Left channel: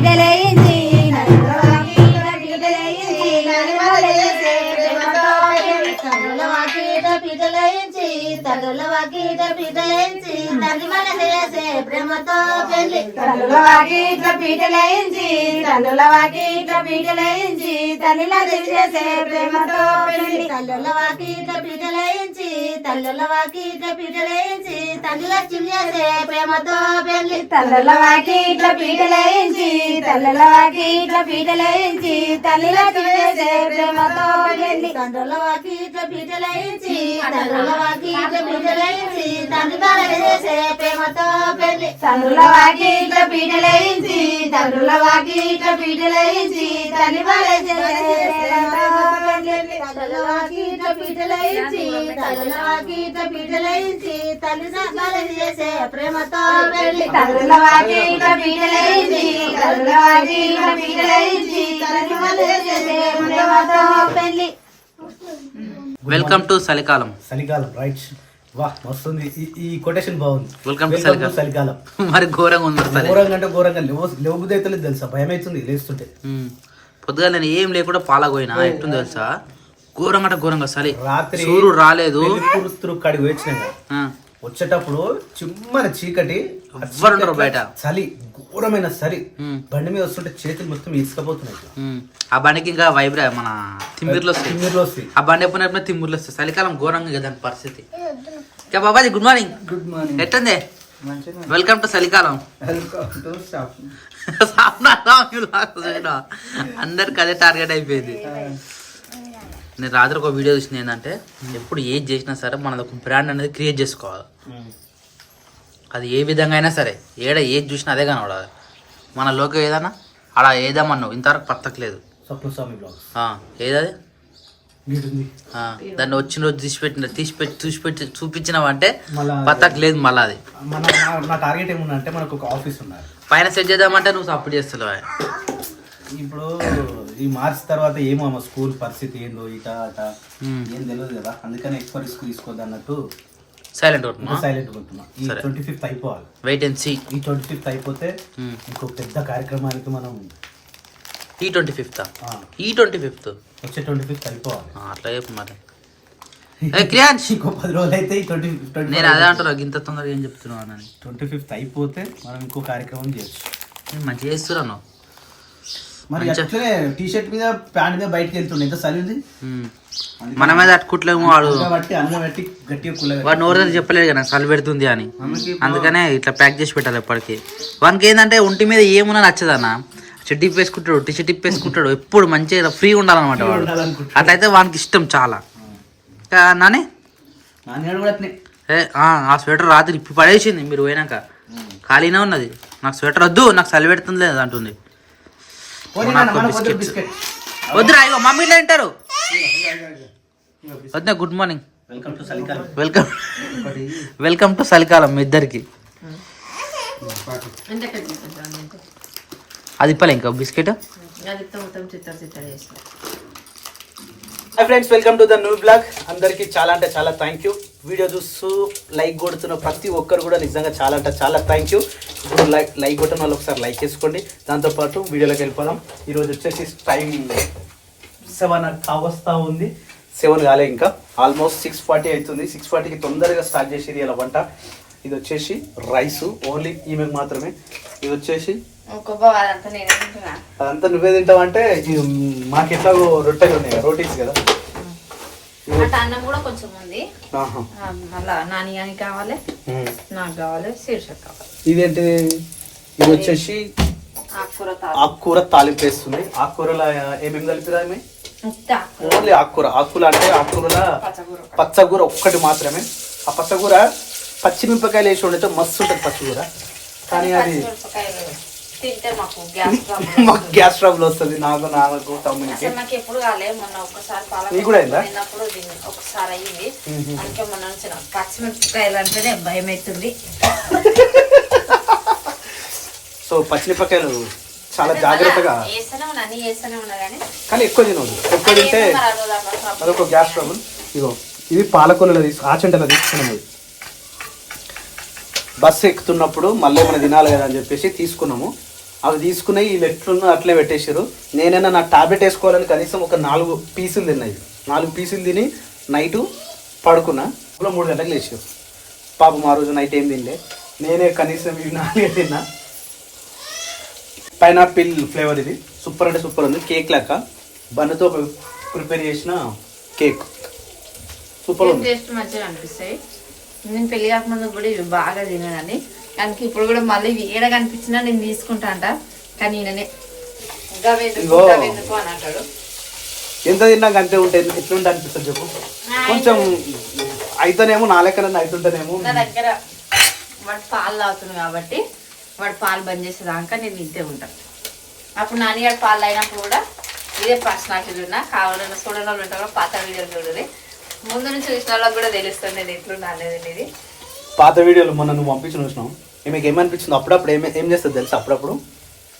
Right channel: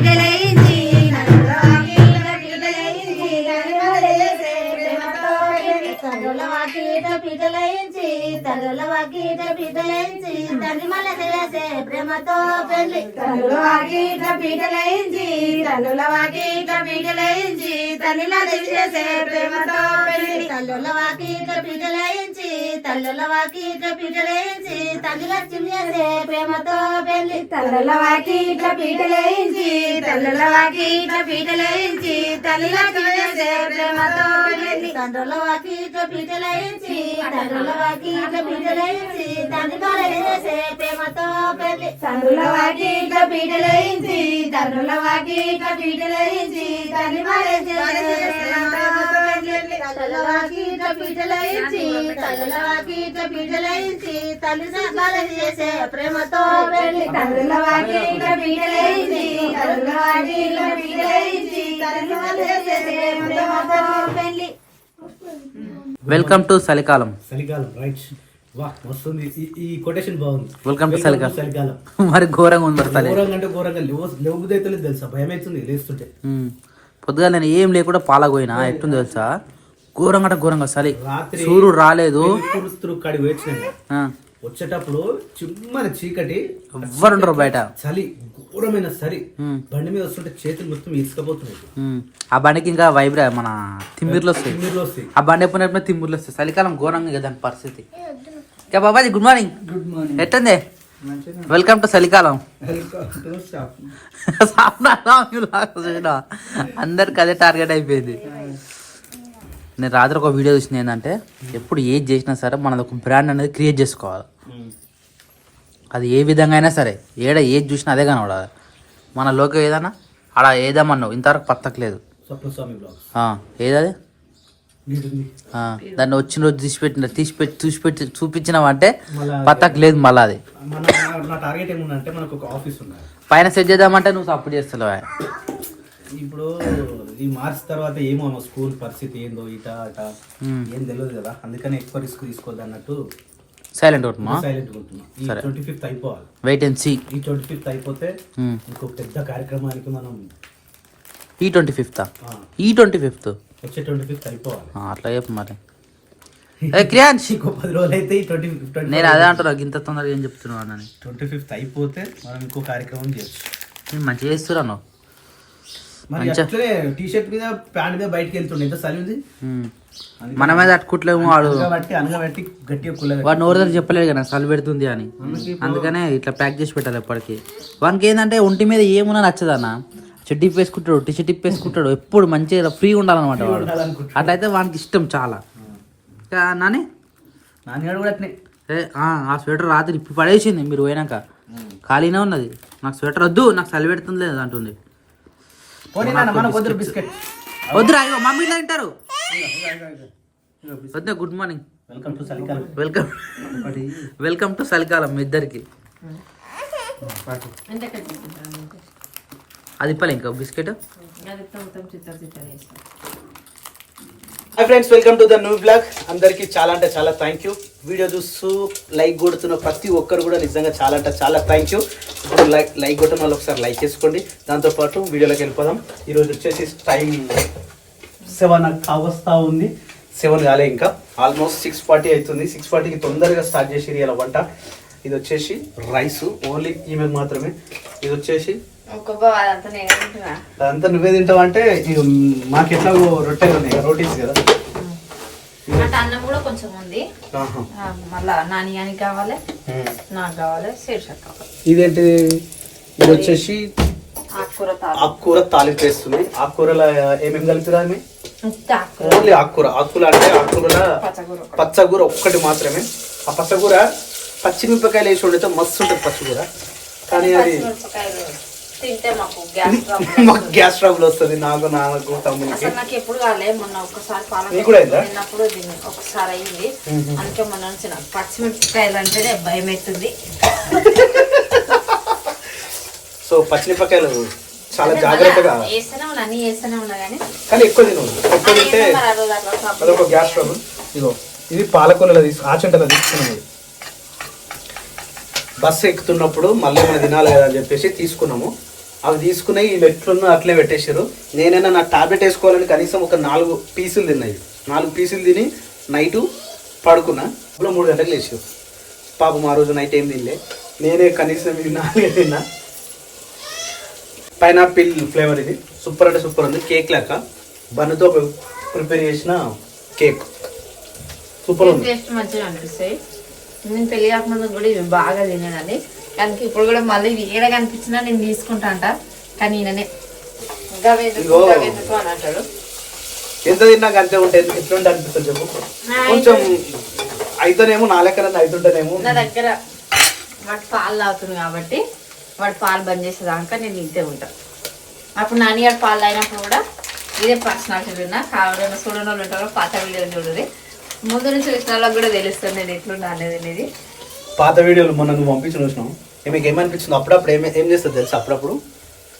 పీటలయించి నలుల వాకిట పీటలయించి నలిమల చేసే ప్రేమతో పెళ్లి తల్లుల వాకిట పీటలయించి తల్లుల వాకిట పీటలయించి నలిమల చేసే ప్రేమతో పెళ్లి తల్లుల వాకిట పీటలయించి తల్లుల వాకిట పీటలయించి తల్లిల చేసే ప్రేమతో పెళ్లి తల్లుల వాకిట పీటలయించి తల్లుల వాకిట పీటలయించి తల్లిల చేసే ప్రేమతో పెళ్లి తల్లుల వాకిట పీటలయించి తల్లుల వాకిట పీటలయించి తల్లిల చేసే ప్రేమతో పెళ్లి తండ్రుల వాకిట పీటలయించి తల్లుల వాకిట పీటలయించి తల్లిల చేసే ప్రేమతో పెళ్లి తండ్రుల వాకిట పీటలయించి తల్లుల వాకిట పీటలయించి తల్లిల చేసే ప్రేమతో పెళ్లి తల్లుల వాకిట పీటలయించి తల్లుల వాకిట పీటలయించి తల్లిల చేసే ప్రేమతో పెళ్లి తల్లుల వాకిట పీటలయించి తల్లుల వాకిట పీటలయించి తల్లిల చేసే ప్రేమతో పెళ్లి. వెల్కమ్ టు చలికాలం. చలికాలం రైట్. వా వస్తుంది ఈ కొటేషన్ బాగుంది. వెల్కమ్ టు చలికాలం. మరి ఘోరంగా ఉంది. మరి ఘోరంగా అంటే ఘోరంగా లేవుదైతే తెలుసా, భయం అవుతుంది లేస్తుంటే. పొద్దుగా నేను ఏం లేకుండా పాలగోయినా ఎట్టుంది తెలుసా, ఘోరంగా అంటే ఘోరంగా చలి. రాత్రి సూర్యుడు రాలేదు, కాడికి వచ్చినా వచ్చేటప్పుడు చిమ్మని చీకటి, ఎవ్వరుండరు బయట, చలి ఘోరమైన చలి. బండి మీద వస్తుంటే చేతులు మొత్తం ఇసుకపోతున్నాయి. ఆ బండికి ఇంకా వైబ్రా మన తిమ్మిర్లు వస్తాయి. ఆ బండి ఎప్పుడు తిమ్మిర్లు వస్తాయి. చలికాలం ఘోరంగా కదా దాని పరిస్థితి. ఇంకా Babaji good morning. Good morning. ఎట్టుంది? వెల్కమ్ టు చలికాలం. అందరికి అదే టార్గెట్ అయిపోయింది. నేను రాత్రి ఒక వీడియో చూసిన ఏంటంటే, ఎప్పుడు ఏది చేసినా సరే మనది ఒక బ్రాండ్ అనేది క్రియేట్ చేసుకోవాలి. అది ఏ విధంగా అయినా సరే, ఏది చూసినా అదే కనబడాలి. మన లోక ఏదన్నా అలా ఏదామన్నావు ఇంతవరకు పత్తకలేదు. ఏదది దాన్ని వచ్చిన రోజు తీసిపెట్టి చూపించినావంటే పత్తకలేదు. మళ్ళీ అది టార్గెట్ ఏముందంటే మనకు ఒక ఆఫీస్ ఉన్నారు, పైన సెట్ చేద్దామంటే నువ్వు సపోర్ట్ చేస్తావు. ఇప్పుడు ఈ మార్చ్ తర్వాత ఏమో మా స్కూల్ పరిస్థితి ఏందో ఇట అట ఏం తెలియదు కదా, అందుకని ఎక్కువ రిస్క్ తీసుకోవద్దు అన్నట్టు సైలెంట్ ఉంటున్నా. ఈ 25th అయిపోవాలి, వెయిట్ అండ్ సీ. ఈ 25th అయిపోతే ఇంకో పెద్ద కార్యక్రమానికి మనం ఈ 25th వచ్చే 25th అయిపోవాలి. అట్లా చెప్పు మరి. క్రియాన్స్ ఇంకో 10 రోజులు అయితే ఈ 25th. నేను అదే అంటున్నా, ఇంత తొందరగా ఏం చెప్తున్నావు అని. 25th అయిపోతే మనం ఇంకో కార్యక్రమం చేయొచ్చు. నేను మంచిగా చేస్తున్నాను. మరి అట్లనే టీ షర్ట్ మీద ప్యాంట్ మీద బయటకు వెళ్తుండే ఎంత చలి ఉంది. మన మీద అట్టుకుంటలేము. వాడు గట్టిగా వాడు నోరు చెప్పలేదు కదా చలి పెడుతుంది అని, అందుకనే ఇట్లా ప్యాక్ చేసి పెట్టాలి ఎప్పటికీ. వానికి ఏంటంటే ఒంటి మీద ఏమున్నా నచ్చదన్న, షర్ట్ ఇప్ వేసుకుంటాడు, టీ షర్ట్ ఇప్ వేసుకుంటాడు, ఎప్పుడు మంచిగా ఫ్రీ ఉండాలన్నమాట వాడు. అట్లయితే వానికి ఇష్టం చాలా. నాని ఆ స్వెటర్ రాత్రి ఇప్పి పడేసింది, మీరు పోయినాక ఖాళీనే ఉన్నది. నాకు స్వెటర్ వద్దు, నాకు చలి పెడుతుంది లేదు అంటుంది. వద్దురా, ఇగో మమ్మీ ఇట్లా తింటారు. వద్దా గుడ్ మార్నింగ్, వెల్కమ్ టు చలికాలం మీ ఇద్దరికి. అది ఇప్పలే ఇంకా biscuit. Hi friends, welcome to the new blog. అందరికీ చాలా అంటే చాలా థ్యాంక్ యూ. వీడియో చూస్తూ లైక్ కొడుతున్న ప్రతి ఒక్కరు కూడా నిజంగా చాలా అంటే చాలా థ్యాంక్ యూ. ఇప్పుడు లైక్ కొట్టిన వాళ్ళు ఒకసారి లైక్ చేసుకోండి. దాంతోపాటు వీడియోలోకి వెళ్ళిపోదాం. ఈరోజు వచ్చేసి టైం 7 కావస్తా ఉంది. 7 కాలే ఇంకా, ఆల్మోస్ట్ 6:40 అవుతుంది. 6:40కి తొందరగా స్టార్ట్ చేసి ఇలా వంట. ఇది వచ్చేసి రైస్, ఓన్లీ ఈమెకు మాత్రమే. ఇది వచ్చేసి అదంతా నువ్వే తింటావు అంటే, మాకు ఎట్లా రొట్టెలు ఉన్నాయి, రోటీస్ కదా. అన్నం కూడా కొంచెం ఉంది, మళ్ళా నాని కావాలి, నాకు కావాలి, శీర్షక్ కావాలి. ఇదేంటిది? ఇది వచ్చేసి ఆకుకూర తాలింపు వేస్తుంది. ఆకుకూరలో ఏమేమి కలిపిరా? ఓన్లీ ఆకుకూర అంటే ఆకుకూరలో పచ్చగూర ఒక్కటి మాత్రమే. ఆ పచ్చగూర పచ్చిమిరపకాయలు వేసి వండితే మస్తు ఉంటుంది పచ్చగూర. కానీ అది మాకు గ్యాస్ ట్రబుల్ వస్తుంది, నాకు నాన్నకు తమ్మునికి. నాకు ఎప్పుడు కాలే, మొన్న ఒకసారి ఒకసారి అయింది. అందుకే మొన్న నుంచి నాకు పచ్చిమిరపకాయలు అంటేనే భయం అవుతుంది. సో పచ్చిమిరపకాయలు చాలా జాగ్రత్తగా వేస్తూనే ఉన్నా కానీ ఎక్కువ తినదు. ఎక్కువ తింటే అదొక గ్యాస్ ట్రబుల్. ఇదో ఇది పాలకూరలో ఆచుంటలో తీసుకున్నది. బస్సు ఎక్కుతున్నప్పుడు మళ్ళీ ఏమైనా తినాలి కదా అని చెప్పేసి తీసుకున్నాము. అవి తీసుకుని వీళ్ళు ఎట్లున్నా అట్లే పెట్టేసారు. నేనైనా నా టాబ్లెట్ వేసుకోవాలని కనీసం ఒక 4 పీసులు తిన్నాయి. 4 పీసులు తిని నైటు పడుకున్నా. 3 గంటలకు లేచారు. పాపం ఆ రోజు నైట్ ఏం తినలే. నేనే కనీసం ఇవి 4 తిన్నా. పైనాపిల్ ఫ్లేవర్ ఇది సూపర్ అంటే సూపర్ ఉంది. కేక్ లెక్క బన్నుతో ప్రిపేర్ చేసిన కేక్ సూపర్ ఉంది. టేస్ట్ మంచిగా అనిపిస్తాయి. నేను పెళ్లి కాకముందు కూడా ఇవి బాగా తినానండి. దానికి ఇప్పుడు కూడా మళ్ళీ ఏడ కనిపించినా నేను తీసుకుంటా అంట. కానీ నేనే అంటాడు ఎంత తిన్నాక అంతే ఉంటాయి. ఎట్లుంటే అనిపిస్తుంది చెప్పు. కొంచెం అయితేనేమో నా లెక్కన అవుతుంటేనేమో. నా దగ్గర వాడు పాలు తాగుతుంది కాబట్టి వాడు పాలు బంద్ చేసేదాకా నేను ఇంతే ఉంటాను. అప్పుడు నాన్నగారు పాలు అయినప్పుడు కూడా ఇదే పర్సనాలిటీ ఉన్నా. కావాలని చూడని వాళ్ళు ఉంటారు. పాత వీడియో చూడదు. ముందు నుంచి చూసిన వాళ్ళకి కూడా తెలుస్తుంది నేను ఎట్లుండా అనేది అనేది. పాత వీడియోలు మొన్న నువ్వు పంపించి చూసినావు. మీకు ఏమనిపించింది? అప్పుడప్పుడు ఏం చేస్తుంది తెలుసు? అప్పుడప్పుడు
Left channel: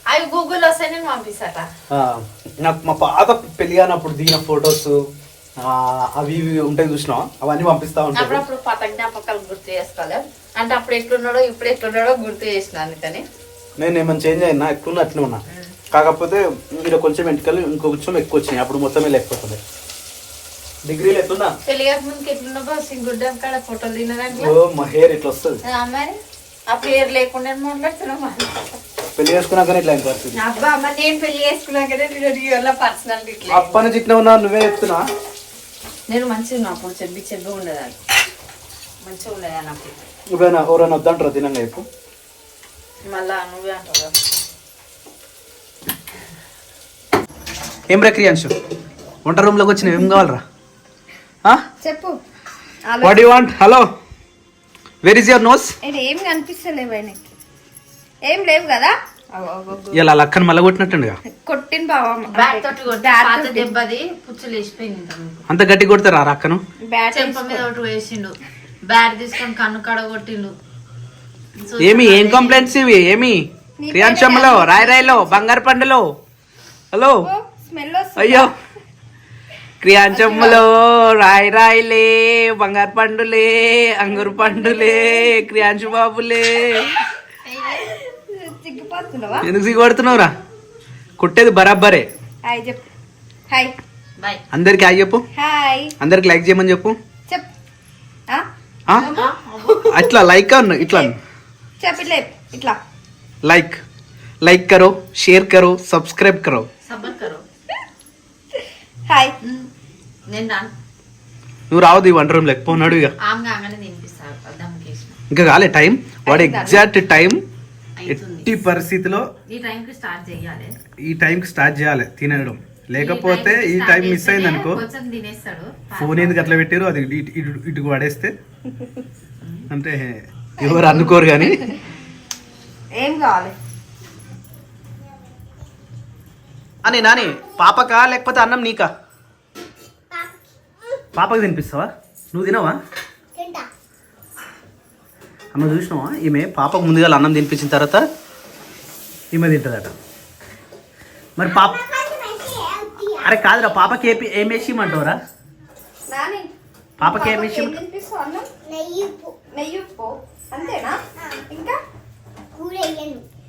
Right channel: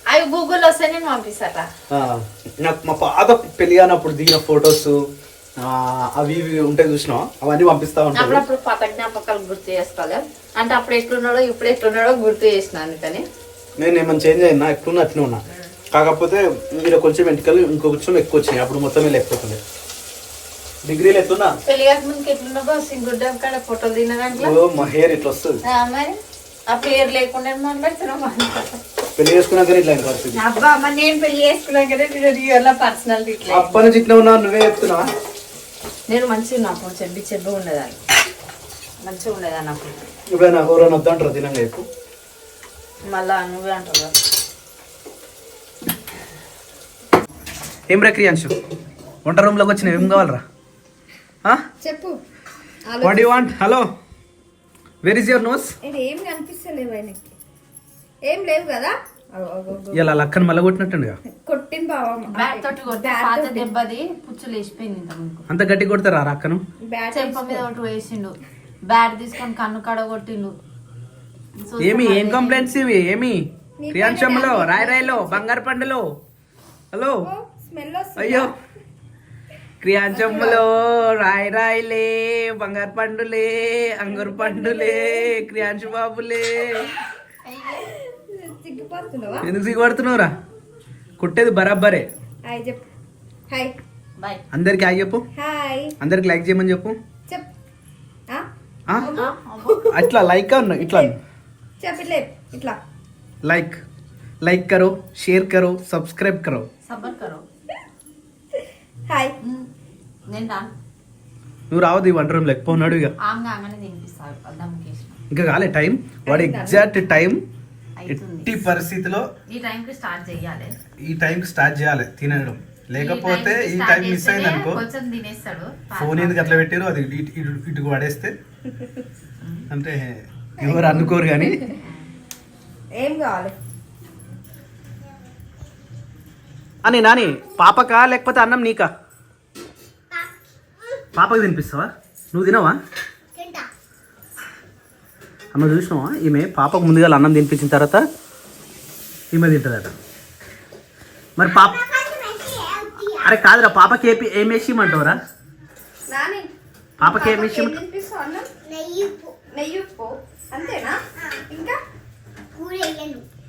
అవి గూగుల్లో వస్తే నేను పంపిస్తాట. నాకు మా పాత పెళ్లి కానప్పుడు దిగిన ఫొటోస్ అవి ఇవి ఉంటాయి చూసినావా, అవన్నీ పంపిస్తా ఉంటాను. అప్పుడప్పుడు పాత జ్ఞాపకాలు గుర్తు చేసుకోవాలి. అంటే అప్పుడు ఎట్లున్నాడో ఇప్పుడు ఎట్లున్నాడో గుర్తు చేసిన అందుకని. నేను ఏమైనా చేంజ్ అయినా ఎట్లున్నా అట్లే ఉన్నా. కాకపోతే మీరు కొంచెం ఎంటికలు ఇంకొంచెం ఎక్కువ వచ్చినాయి. అప్పుడు మొత్తమే లేకపోతుంది. డిగ్రీలు ఎట్లున్నా పెళ్లి కాకముందుకు ఎట్లున్నా సింగుడ్డం కాడ ఫోటోలు తినడానికి మా హెయిర్ ఇట్లా వస్తుంది. మరి అప్పుడు హెయిర్ లేకుండా మాట్లాడుతున్నాం. పెళ్లి చేసుకున్నాకనే ఇట్లా ఇంకా వస్తుంది. అబ్బా అమ్మ నేను పెళ్లి చేసుకున్నాకనే పర్సనాలిటీ ఇట్లా. అప్పటి నుంచి ఇట్లా ఉన్నా నువ్వే చెప్తున్నావా? నేను మంచిగా అప్పుడు చెబ్బి ఉండేదాన్ని. మంచిగా ఉండేదాన్ని అప్పుడు. నువ్వేనా ఎవరైనా వద్దంటారా తినంగా చెప్పు. మళ్ళా నువ్వే అంటావు. ఏం రా క్రియాంశు, వంట రూమ్లోకి వచ్చిన ఏం కావాలరా? చెప్పు. What you want? Hello, where is your nose? ఏం కనిపిస్తలేవు ఆయనకి. ఏం లేవు కదా. ఇలా లక్కని మళ్ళీ కొట్టినట్టుండగా కొట్టిన బాబా దెబ్బది పుచ్చులు వేసిపోయింది. అంత గట్టి కొడతారా అక్కను? చెంప మీద ఒకటి వేసిండు. బ్యాట్ తీసుకొని కన్ను కడ కొట్టిండు. ఏం కంప్లైంట్స్ ఇవి? ఏమి క్రియాంశంలో, రాయరాయలో, బంగారు పండులో? హలో, అయ్యో క్రియాంశంలో రాయరాయిలే, బంగారు పండులే, అంగూరు పండులే, క్రియాంశు బాబులే. ఎందుకు సిగ్గుపడుతున్నావురా? కొట్టేది బరాబరే. అందరికి హాయ్ చెప్పు. అందరికి లైక్ చేయమని చెప్పు. అట్లా లైక్ అన్న ఇట్లా ఇట్లా लाइक करो, शेयर करो, सब्सक्राइब करो. सबर करो. हाय నువ్వు రావద్దు ఈ వంట రూమ్ లేకపోన్నాడు. ఇక ఇంకా కాలే టైం. వాడు ఎగ్జాక్ట్ టైం ఎట్టి పరిస్థితిలో ఈ టైంకి స్టార్ట్ చేయాలి తినడం. లేకపోతే ఈ టైం మిస్ అయింది అనుకో, ఫోన్ ఎందుకు అట్లా పెట్టారు అది ఇటుకు పడేస్తే అంటే ఎవరు అనుకోరు. కానీ ఏం కావాలి అని నాని పాపకా లేకపోతే అన్నం నీకా? పాపకి తినిపిస్తావా? నువ్వు తినవా? అమ్మ చూసినావా, ఈమె పాపకు ముందుగా అన్నం తినిపించిన తర్వాత ఈమె తింటుందట. మరి పాప అరే కాదురా, పాపకి ఏం వేసి ఇమ్మంటావురా? పాపకి ఏం వేసి? అంతేనా? ఇంకా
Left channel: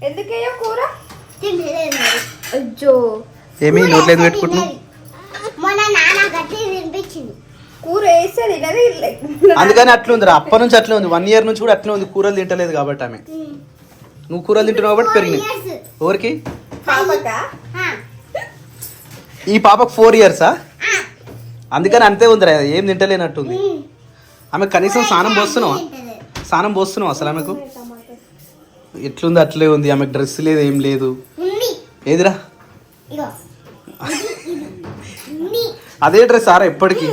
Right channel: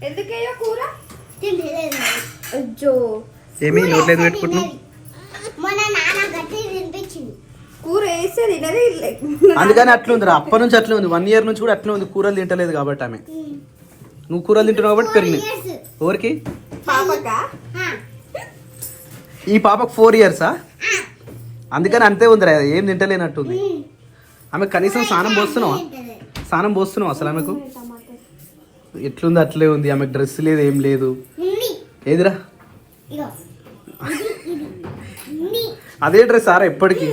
ఎందుకయ్యో కూర ఏమి నోట్లేదు పెట్టుకుంటున్నావు? కూర వేస్తే తినది. అందుకని అట్లా ఉందిరా, అప్పటి నుంచి అట్లే ఉంది. 1 year నుంచి కూడా అట్లే ఉంది. కూరలు తింటలేదు కాబట్టి ఆమె. నువ్వు కూరలు తింటున్నావు కాబట్టి పెరిగినాయి. ఎవరికి? ఈ పాపకు 4 years. అందుకని అంతే ఉందిరా, ఏం తింటలేనట్టుంది. ఆమె కనీసం స్నానం పోస్తున్నావు అసలు? ఆమెకు ఎట్లుంది అట్లే ఉంది. ఆమెకు డ్రెస్ లేదు, ఏం లేదు. ఏదిరా అదే డ్రెస్ ఆరా ఎప్పటికీ?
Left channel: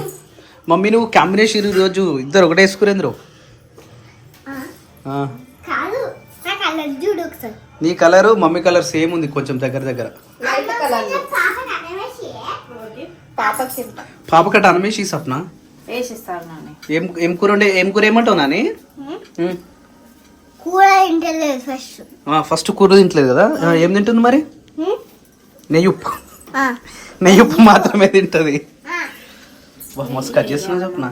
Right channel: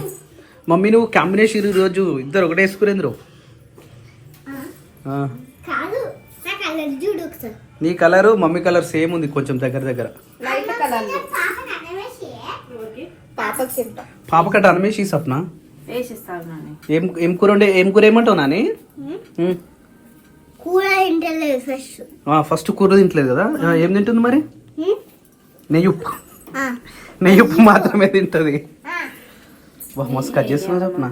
మమ్మీ నువ్వు కాంబినేషన్ ఈరోజు ఇద్దరు ఒకటే వేసుకురేంద్రు. నీ కలరు మమ్మీ కలర్ సేమ్ ఉంది, కొంచెం దగ్గర. పాపకట్ట అనమేసి సప్న ఏం కూర ఏమంటావు నాని? ఫస్ట్ కూర తింటలేదు కదా, ఏం తింటుంది మరి? నెయ్యుప్పు మాత్రమే తింటది. మస్తు కట్ చేస్తున్నా చెప్పిన.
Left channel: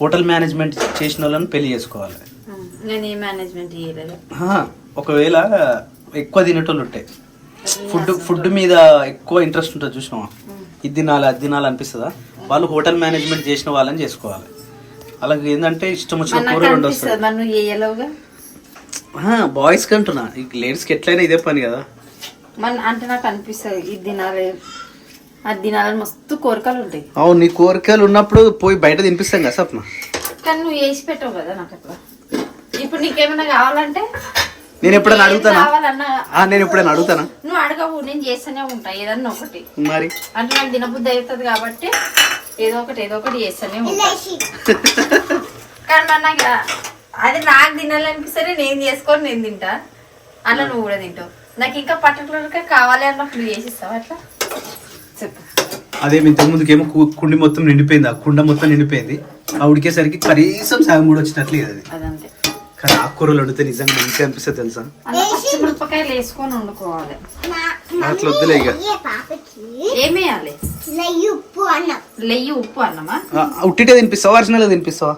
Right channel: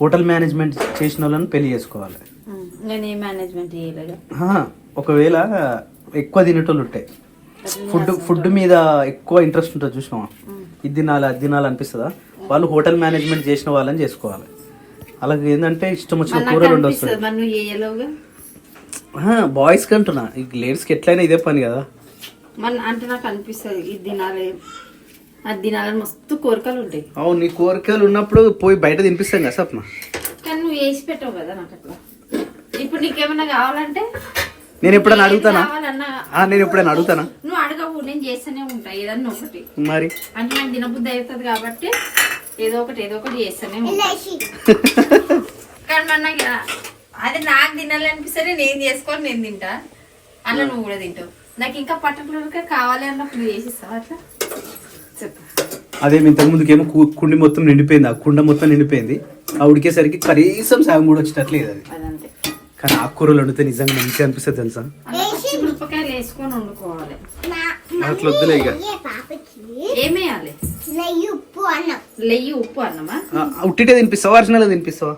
హోటల్ మేనేజ్మెంట్ చేసిన వాళ్ళని పెళ్లి చేసుకోవాలి. ఒకవేళ ఎక్కువ తినేటోళ్ళు ఉంటాయి, ఫుడ్ మీద ఎక్కువ ఇంట్రెస్ట్ ఉంటుంది చూసినావా, ఇది తినాలి అది తినాలి అనిపిస్తుందా, వాళ్ళు హోటల్ మేనేజ్మెంట్ చేసిన వాళ్ళని చేసుకోవాలి. అలాగే ఏంటంటే ఇష్టం వచ్చిన కూరలు ఉండొస్తుంది. బాయ్స్కి అంటున్నా, లేడీస్కి ఎట్లయినా ఇదే పని కదా. అంటే నాకు అనిపిస్తుంది ఇది తినాలి అది తినాలని మస్తు కోరికలు ఉంటాయి. అవును, నీ కోరికలు ఉన్నప్పుడు పోయి బయట తినిపిస్తాం కదా సప్న. కానీ నువ్వు వేసి పెట్టవు కదా నాకు అట్లా. ఇప్పుడు నీకేమైనా కావాలంటే నేను ఎప్పుడైనా అడుగుతానా? నేను ఎప్పుడైనా అడుగుతానా? నువ్వు అడగవు, నేను చేస్తూనే ఉంటా ఏదన్నా ఒకటి. మరి అంటే నాకు తినబుద్ధి అవుతుంది కాబట్టి ఏదో ఒకటి చేస్తూనే ఉంటా. కానీ నాకు అది నాకు తినాలనిపిస్తేనే నేను చేసుకొని నేను తింటా, అట్లా నువ్వు కూడా తింటావు. నాకు ఇంకా పర్టికులర్గా కావాలి అన్నప్పుడు చేసిస్తావు అట్లా చెప్పు. అదే ఇంతకు ముందుకేమో కుండి మొత్తం నిండిపోయింది, ఆ కుండ మొత్తం నిండిపోయింది. ఆ ఉడికేసరికి కనీసం సాయం కూడా వచ్చేటట్లేదు అది. అదంతే. కానీ ఆకుకూరలు వండితే నిజంగా మంచిగా అనిపిస్తుంది తెలుసా. మిరపకాయలు వేసుకొని వండుకోవాలి. అట్లా వద్దులే ఇక. ఏమేయాలి? నెయ్యి ఉప్పు అన్నమా? ఉట్టిటే తినిపిస్తావా ఒరిజినల్ తినిపిస్తావా?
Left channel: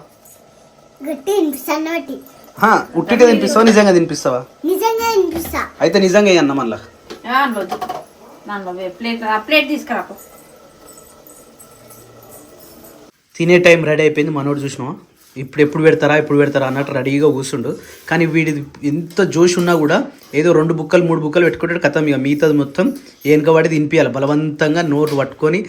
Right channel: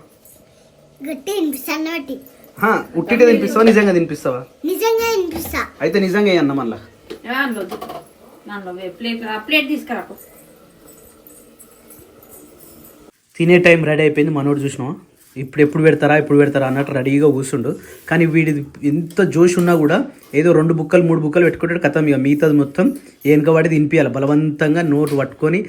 ఉట్టిటే తినిపిస్తావా నిజంగా తినిపిస్తావా? అయితే నిజంగా అన్న మళ్ళా ప్లేట్ తీసుకురా. తినే టైం రెడీ అయిపోయింది. మనోడు చూసినావా ఎప్పుడు పెడతారా అన్నట్టు రెడీగా కూర్చుండు. కానీ వీడి ఎంత జోష్ ఉన్నా కూడా ఏదో 2 బుక్కలు 3 బుక్కలు పెట్టుకుంటాడు కథం. ఇక మిగతాది మొత్తం ఏనుకవాడి తినిపించాలి, బలవంతంగా నోటు పట్టుకొని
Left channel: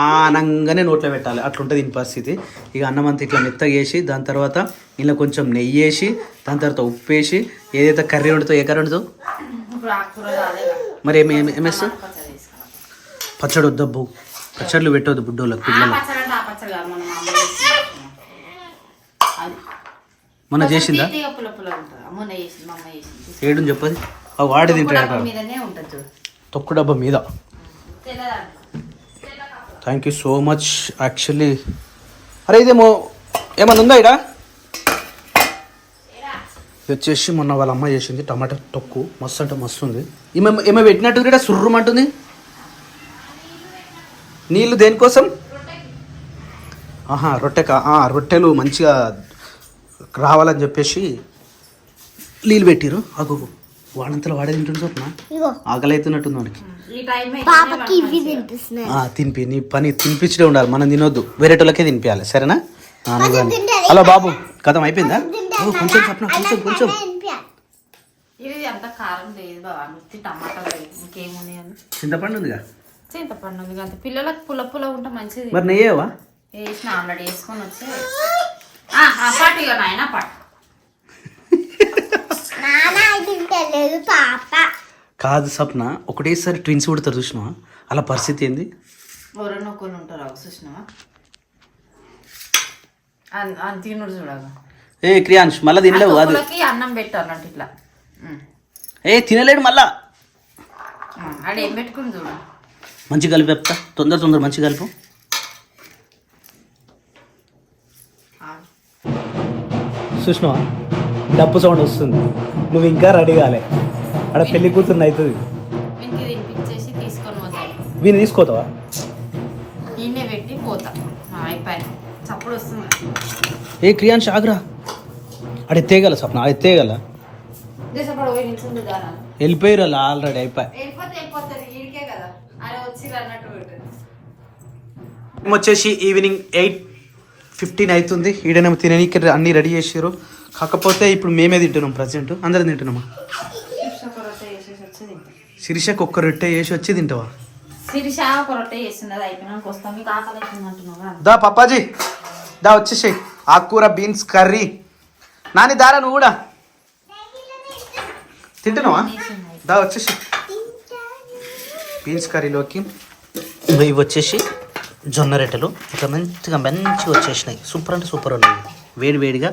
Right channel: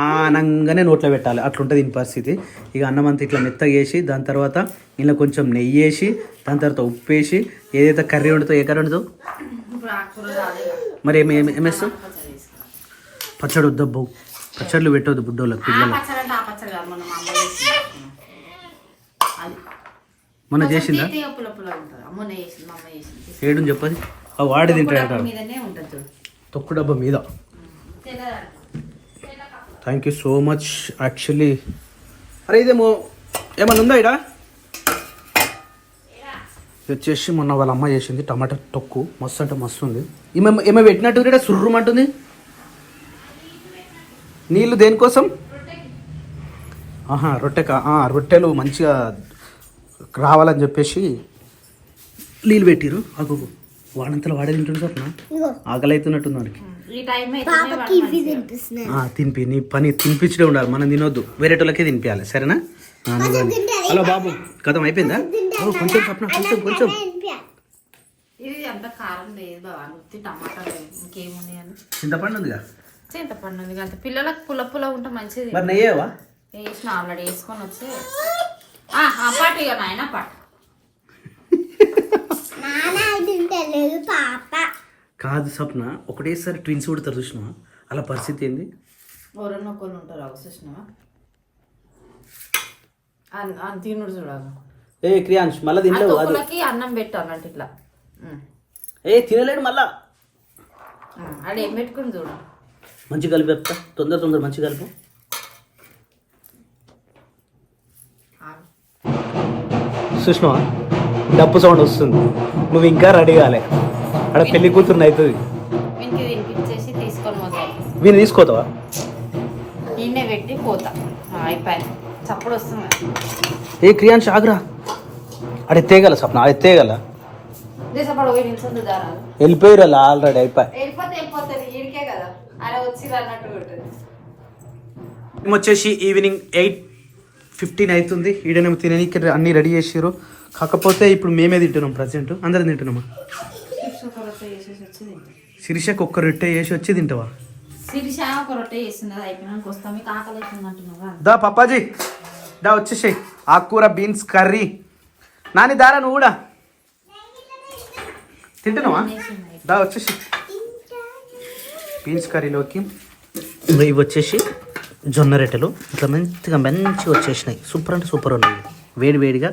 ఆనంగానే నోట్లో పెట్టాలి. అట్లుంటుంది దీని పరిస్థితి. ఇక అన్నం అంతా ఇట్లా మెత్తగా వేసి దాని తర్వాత ఇలా కొంచెం నెయ్యి వేసి దాని తర్వాత ఉప్పు వేసి ఏదైతే కర్రీ వండుతావు, ఏ కర్రీ వండుతావు మరి ఏమేస్తావు? పచ్చడి వద్దబ్బు, పచ్చళ్ళు పెట్టవద్దు బుడ్డోళ్ళకి పిల్లలు. మొన్న చేసిందా? చేయడం చెప్పది వాడి తింటాడు తొక్కు డబ్బా మీద. Thank you so much. Actually అరే ఇదేమో ఏమన్నా ఉందా ఇడా? ఇది వచ్చేసి మొన్న వాళ్ళ అమ్మ చేసింది టమాటా తొక్కు, మస్తు అంటే మస్తు ఉంది. ఏమో పెట్టినట్టు కూడా సుర్రుమంటుంది. నీళ్ళు దేనికోసం? రొట్టెలు మంచిగా రావాలని చెప్పేసి నీళ్ళు పెట్టిరు. అగు వాడంతలో వాడే తింటుంది సార్, ఆకలి అవుతున్నట్టుంది వాడికి. తినిపి, నీ పని తినిపించడే ఉండాలి, మనం తినొద్దు, వేరేటోళ్ళకే తినిపించాలి సరేనా? నువ్వు కానీ హలో బాబు కథం అయిపోయిందా? కొంచెం చెప్పిన కొంచెం చింతపండు ఉందిగా. చింతపండు ఉంది అంత పిల్లలకు పుల్ల ఉంటే మంచిది. మరి నెయ్యేవా? వేసిన ఆల్రెడీ వేసుకొని వచ్చి పాటు ఇక నాయన పాటు. కాదు సప్న, ఒకటేసారి ట్విన్స్ పుడతారు చూసినావా, అలా పరిస్థితి ఏంది? ఎవరన్నొక్కరు ఉంటారు చూసినావా, తినుడు చూడగా. ఏ క్రియాంష్ మళ్ళీ తినలేవు, అన్నం పెట్టు అన్నట్టు ఇట్లా. తినలేడు మళ్ళా. ఆడేం పెట్టుకుని చూడు, మంచి కలిపి చెప్తా, తొందర మంచి కలుపు. చూసినావా డప్పు సౌండ్ వస్తుంది, నువ్వు ఇంకా రెడీ కాలే, అక్కడ పెళ్లి కూతురు అవుతుంది. వీనికి తినిపించేసి తీసుకొని పోతాయి. వీళ్ళు తీసుకోతావా? ఈయనే పెట్టి పోతా. అయిపోయింది, చప్పుడు వస్తుంది. ఏ క్రియాంష్ ఆగ్రా, అడే తేగల సప్న, అడే తేగల వెళ్ళిపోయారు అలా ఆల్రెడీ అయిపోయి. వచ్చేసి ఈవినింగ్ 8:15 అవుతుంది. ఈడనేమో తిననీకి అన్నీ రెడీ చేసారు. కాకపోతే ఇప్పుడు మేమే తింటున్నాం, ప్రజెంట్ అందరం తింటున్నామా. శిరీషకు ఒక్క రొట్టె వేసి వచ్చి తింటావా? దా పప్పాజీ దా వచ్చేసాయి. ఆకుకూర బీన్స్ కర్రీ. నాని దారా నువ్వు కూడా తింటున్నావా? దా వచ్చేసి బీన్స్ కర్రీలోకి ఇవి వచ్చేసి జొన్న రొట్టెలు ఇట్లా మంచిగా వచ్చేసినాయి. సూపర్ అంటే సూపర్ ఉన్నాయి. వేడిగా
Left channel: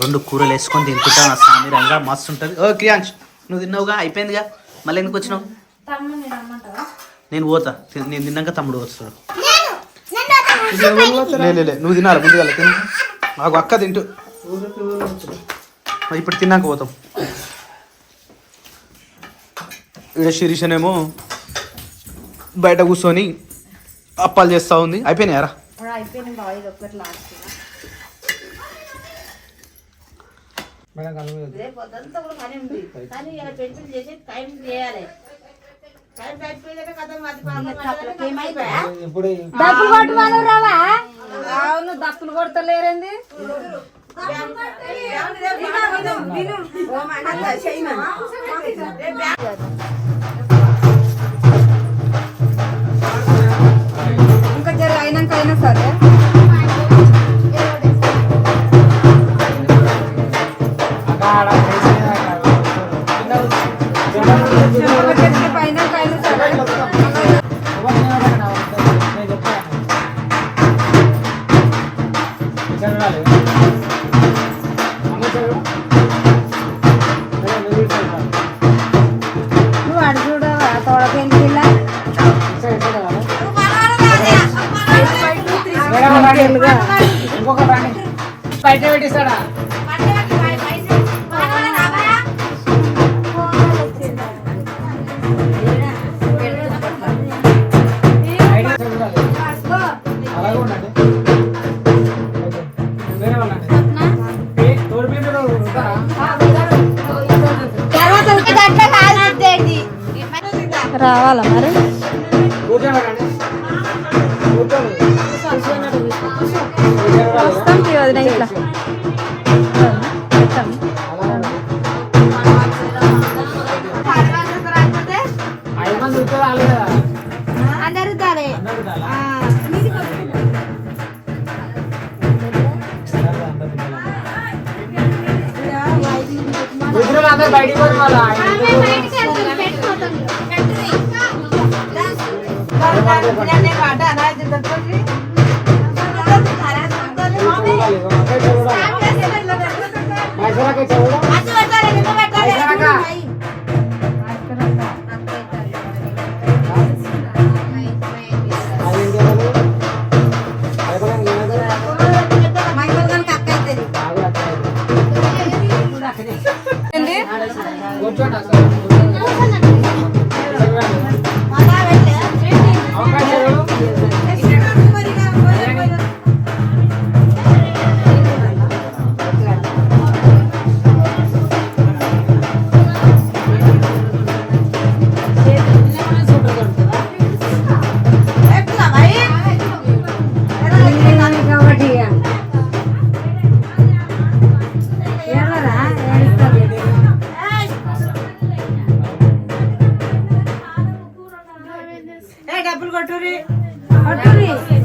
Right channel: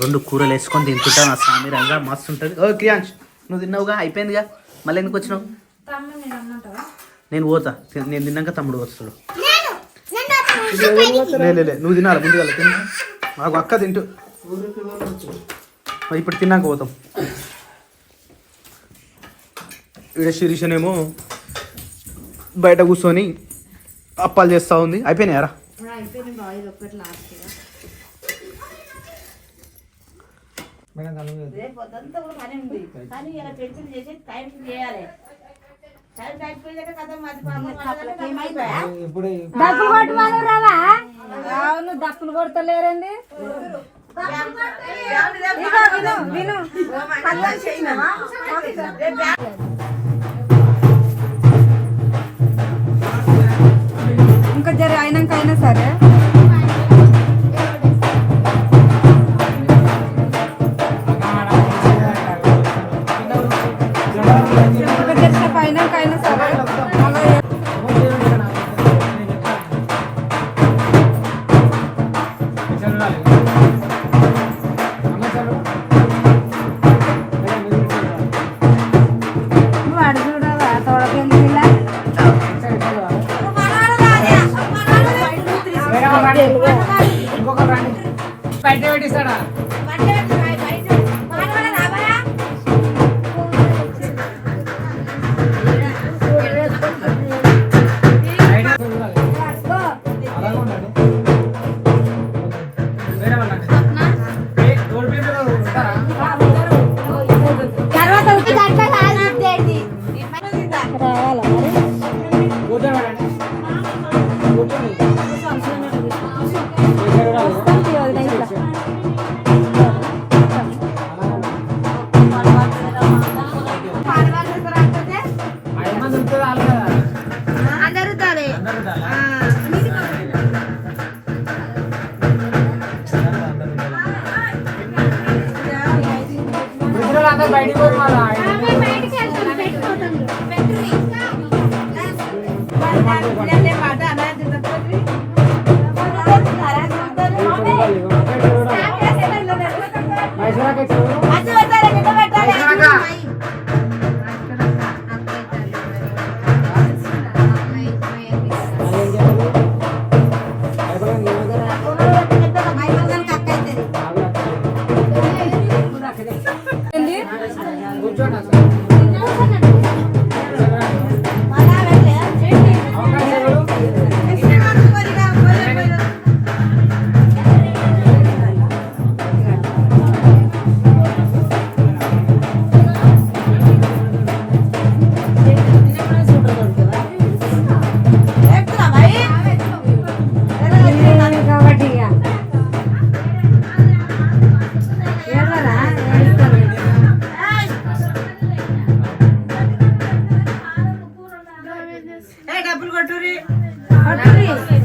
2 కూరలు వేసుకొని తింటుంటా సామిరంగా మస్తు ఉంటుంది. ఓ క్రియాంష్ నువ్వు తిన్నావుగా, అయిపోయిందిగా, మళ్ళీ ఎందుకు వచ్చినావు? నేను పోతా, నేను తిన్నాక తమ్ముడు వస్తాడు. లే నువ్వు తినాలి ముందుగా, తిను. మాకు అక్క తింటూ ఇప్పుడు తిన్నాక పోతాం. ఇక్కడ శిరీషనేమో బయట కూర్చొని అప్పాలు చేస్తూ ఉంది. అయిపోయినాయారా? రేపు పొద్దుంతా కూడా పని ఉంది కానీ ఇలా పెళ్లి చేసి టైం చేయాలి. టైం అయిపోయిందంటే కథ డబ్బులు కొట్టమని రావా? అవును, డబ్బులు కొడతలేరండి. ఇంకా జర అయినాక అయినా సరే నువ్వు అడుగుడవా తోడ పెళ్ళిలా బయట పెట్టిస్తాడా? రావాలా మరి? అందరూ తాలే అందరు బయటికి పోతున్నా కూర్చోండి అసలు డబ్బులు కొట్టురి కొట్టురి.